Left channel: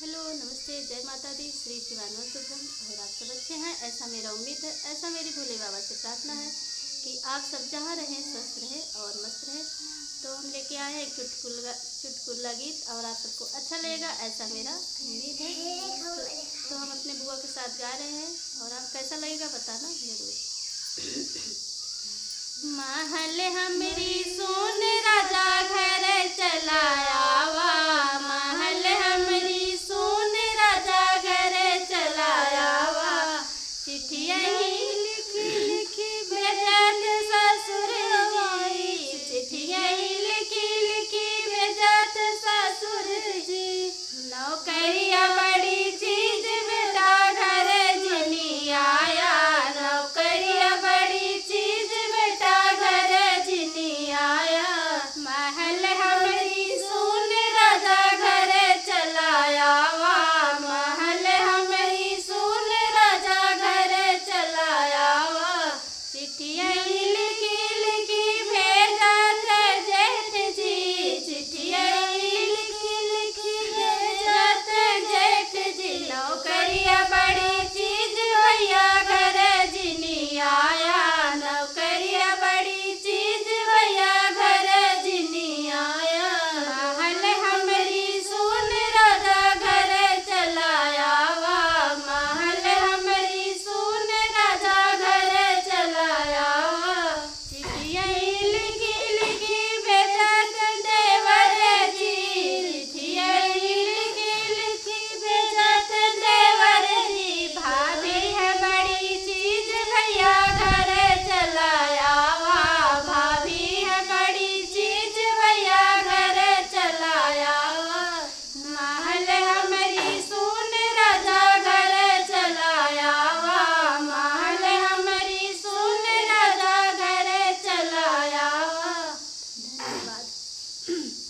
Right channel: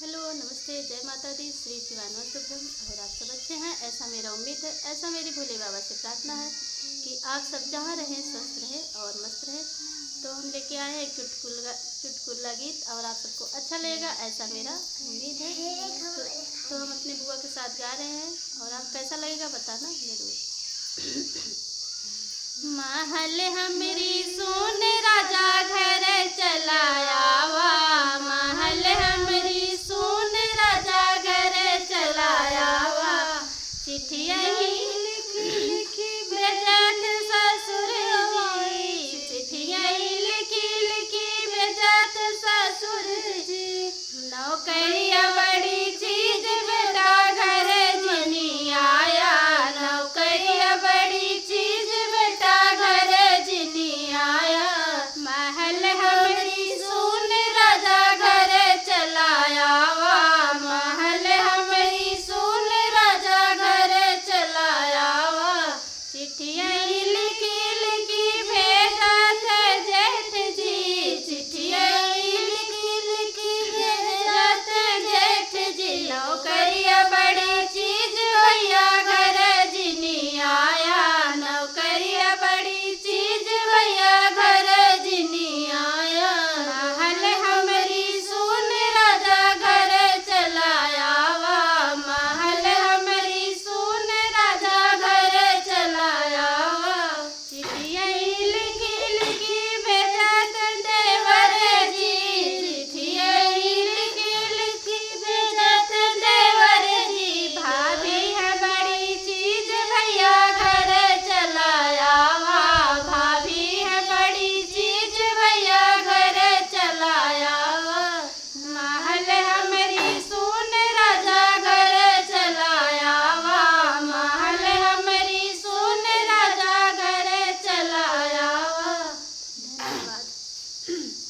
Hello, नमस्ते, जय माता दी, श्री शिवानंद और आप सब अच्छे हैं, ऐसा मेरा उम्मीद है। ऐसा मेरी भोले बाबा से प्रार्थना है कि आप सब जहाँ रहें स्वस्थ रहें और मस्त रहें। तो हम लेके आए हैं एक चुटकुला गीत और आप सबको अच्छा लगेगा, ऐसा मेरा उम्मीद है। तो हम अपने बुआ के साथ गा रहे हैं और आप कैसा लगेगा बताना जरूर। महल हमरी सोने राजा घर चलाया वा,